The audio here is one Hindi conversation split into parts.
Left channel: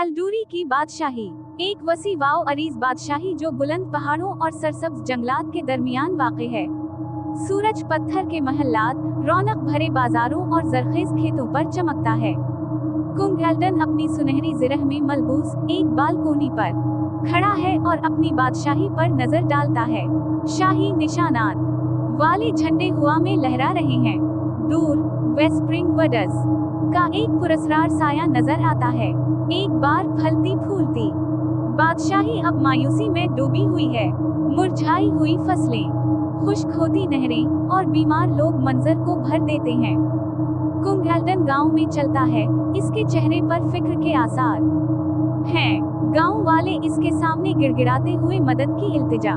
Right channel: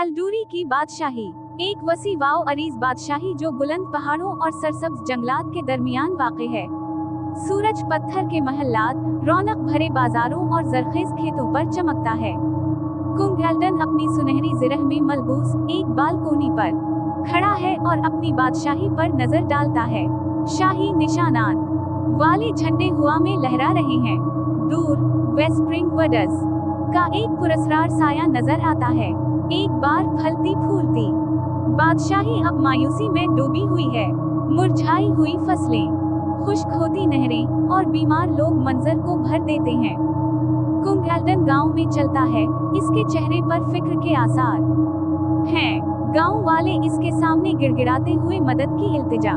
एल्डूरी की बादशाही एक वसी वाओ अरीज बादशाही जो बुलंद पहाड़ों और सरसब्ज जंगलात के दरमियान वाक़ है। सूरज पत्थर के महल्लात, रौनक भरे बाजारों और जरखेज खेतों पर चमकता है। कुंग एल्डन अपनी सुनहरी जिरह में मलबूस एक बालकोनी पर खड़ा है और अपनी बादशाही पर नजर डालता है। शाही निशानात वाले झंडे हवा में लहरा रहे हैं। दूर वेस्प्रिंग वडस का एक पुरस्कार साया नजर आता है। एक बार फलती फूलती बादशाही अब मायूसी में डूबी हुई है। मुरझाई हुई फसलें, खुश्क होती नहरें और बीमार लोग मंजर को भर देते हैं। कुंग एल्डन गांव में चलता है, इसके चेहरे पर फिक्र के आसार हैं। गांव वाले इसके सामने गिड़गिड़ाते हुए मदद की इल्तिजा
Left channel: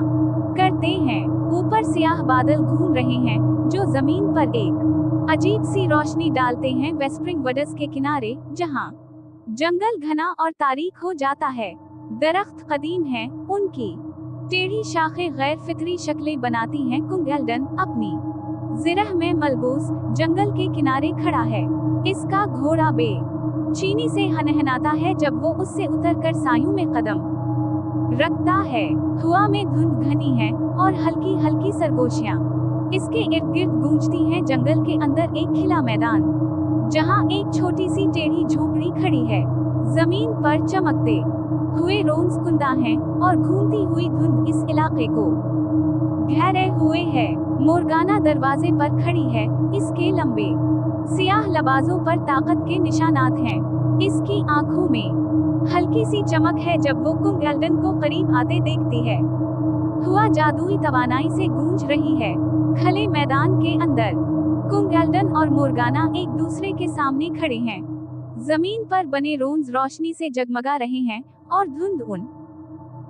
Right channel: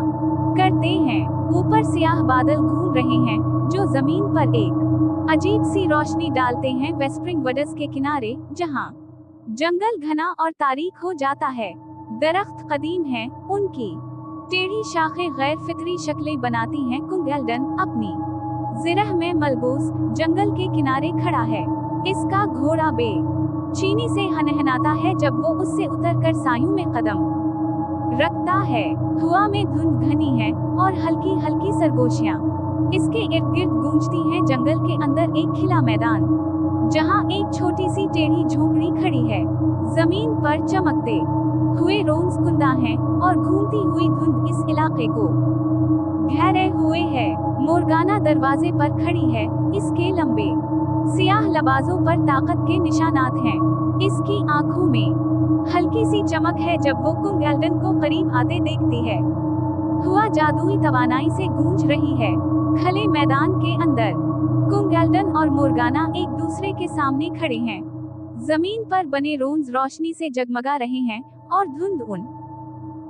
करते हैं। ऊपर सियाह बादल घूम रहे हैं जो जमीन पर एक अजीब सी रोशनी डालते हैं। वेस्प्रिंग वडस के किनारे जहां जंगल घना और तारीख हो जाता है, दरख्त कदीम हैं, उनकी टेढ़ी शाखें गैर फितरी शक्लें बनाती हैं। कुंग एल्डन अपनी जिरह में मलबूस जंगल के किनारे खड़ा है। इसका घोड़ा बे चीनी से हनहनाता है जब वो उससे उतरकर सायों में कदम रखता है। हवा में धुंध घनी है और हल्की हल्की सरगोशियां इसके इर्द गिर्द गूंजती हैं। जंगल के अंदर एक खिला मैदान जहां एक छोटी सी टेढ़ी झोपड़ी खड़ी है। जमीन पर चमकते हुए रोंस कुंदा हैं और घूमती हुई धुंध इस इलाके को घेरे हुए है। मोरगाना दरवाजे पर खड़ी है, इसके लंबे सियाह लबाजों पर ताकत के निशानात हैं। इसकी आंखों में हल्की सी चमक है जब वो कुंग एल्डन को करीब आते देखती है। हुआ जादुई तवानाई से गूंज रही है। खले मैदान के अंदर कुंग एल्डन और मोरगाना एक दूसरे के सामने खड़े हैं। जमीन पर बने रोंस रोशनी से जगमगा रहे हैं और धुंध उन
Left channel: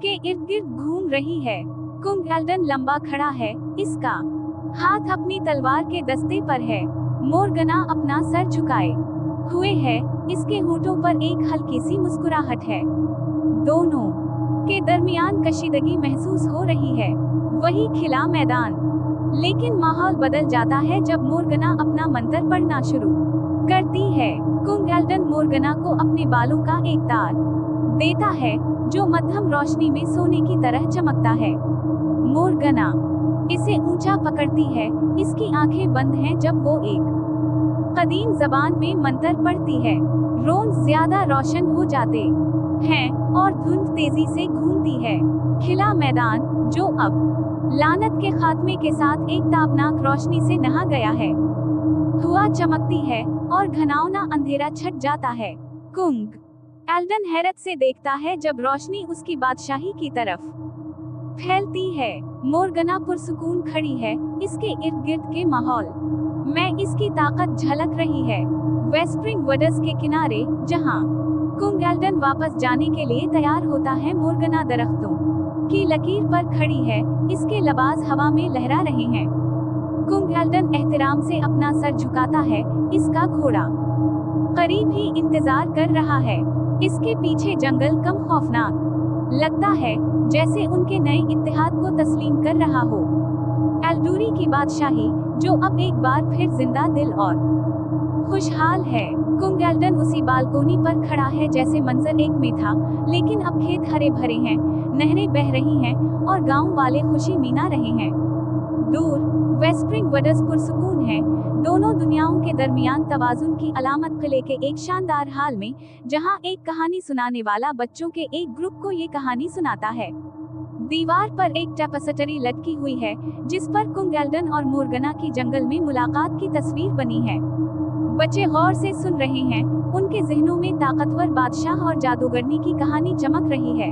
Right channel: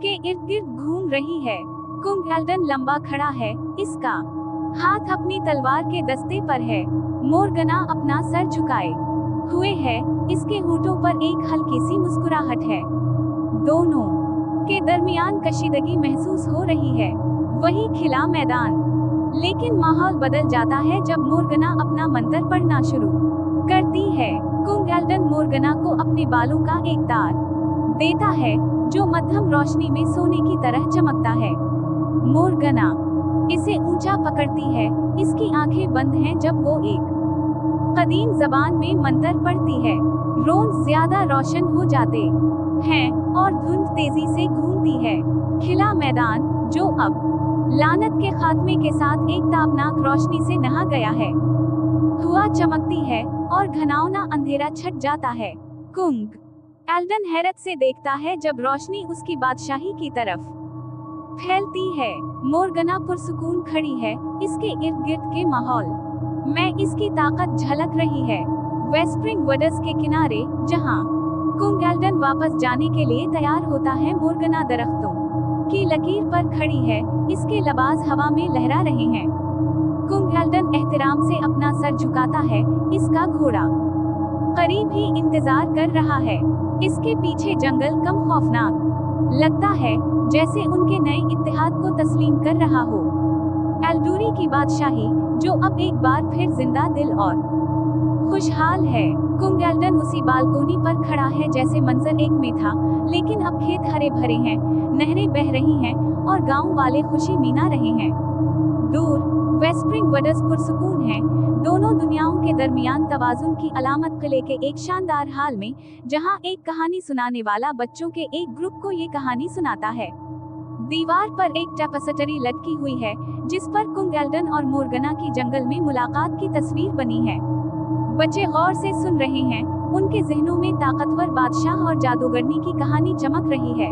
के इर्द गिर्द घूम रही है। कुंग एल्डन लंबा खड़ा है, इसका हाथ अपनी तलवार के दस्ते पर है। मोरगाना अपना सर झुकाए हुए है, इसके होठों पर एक हल्की सी मुस्कुराहट है। दोनों के दरमियान कशीदगी महसूस हो रही है। वही खिला मैदान, लेकिन माहौल बदल जाता है जब मोरगाना अपना मंत्र पढ़ना शुरू करती है। कुंग एल्डन मोरगाना को अपने बालों का एक तार देता है जो मध्यम रोशनी में सोने की तरह चमकता है। मोरगाना इसे ऊंचा पकड़ती है, इसकी आंखें बंद हैं जब वो एक कदीम जबान में मंत्र पढ़ती है। रोंस ज्यादा रोशन हो जाते हैं और धुंध तेजी से घूमती है। खिला मैदान जो अब लानत के खात्मे के साथ एक ताबनाक रोशनी से नहा गया है। हुआ चमकती है और घनावना अंधेरा छट जाता है। कुंग एल्डन हैरत से देखता है जब रोशनी उसकी बादशाही की तरफ फैलती है। मोरगाना पुरसुकून खड़ी है, इसके इर्द गिर्द के माहौल में इसकी ताकत झलक रही है। वेस्प्रिंग वडस के किनारे जहां कुंग एल्डन वापस जाने के लिए तैयार होता है, मोरगाना दरख्तों की लकीर पर खड़ी है, इसके लबाज हवा में लहरा रहे हैं। कुंग एल्डन एहतराम से अपना सर झुकाता है, इसका घोड़ा करीब ही इंतजार कर रहा है। इसके पीछे जंगल कम खौफनाक लगता है, जैसे उनके नए इत्तेहाद को तस्लीम कर रहा हो। एल्डूरी की बादशाही जो अब एक बार फिर जिंदा दिल और खुशहाल है। कुंग एल्डन उसी बालकोनी पर खड़ा है जैसे मंजर एक में था, लेकिन अब खेत हरे भरे हैं, नहरें बह रही हैं और गांव वाले खुशी मना रहे हैं। दूर वेस्प्रिंग वडस पुरसुकून है, दोनों दुनियाओं के दरमियान तवाजुन की अलामत किले के एक शानदार हाल में, जहां एक कहानी सुनाने वाला बच्चों के एक ग्रुप को ये कहानी सुनाता है। दीवार पर एक टेपेस्ट्री लटकी हुई है जिस पर कुंग एल्डन और मोरगाना की जंगल में मुलाकात की तस्वीर बनी है। बच्चे गौर से सुन रहे हैं, उनके जहनों में ताकतवर बादशाह और जादूगरनी की कहानी चमक रही है।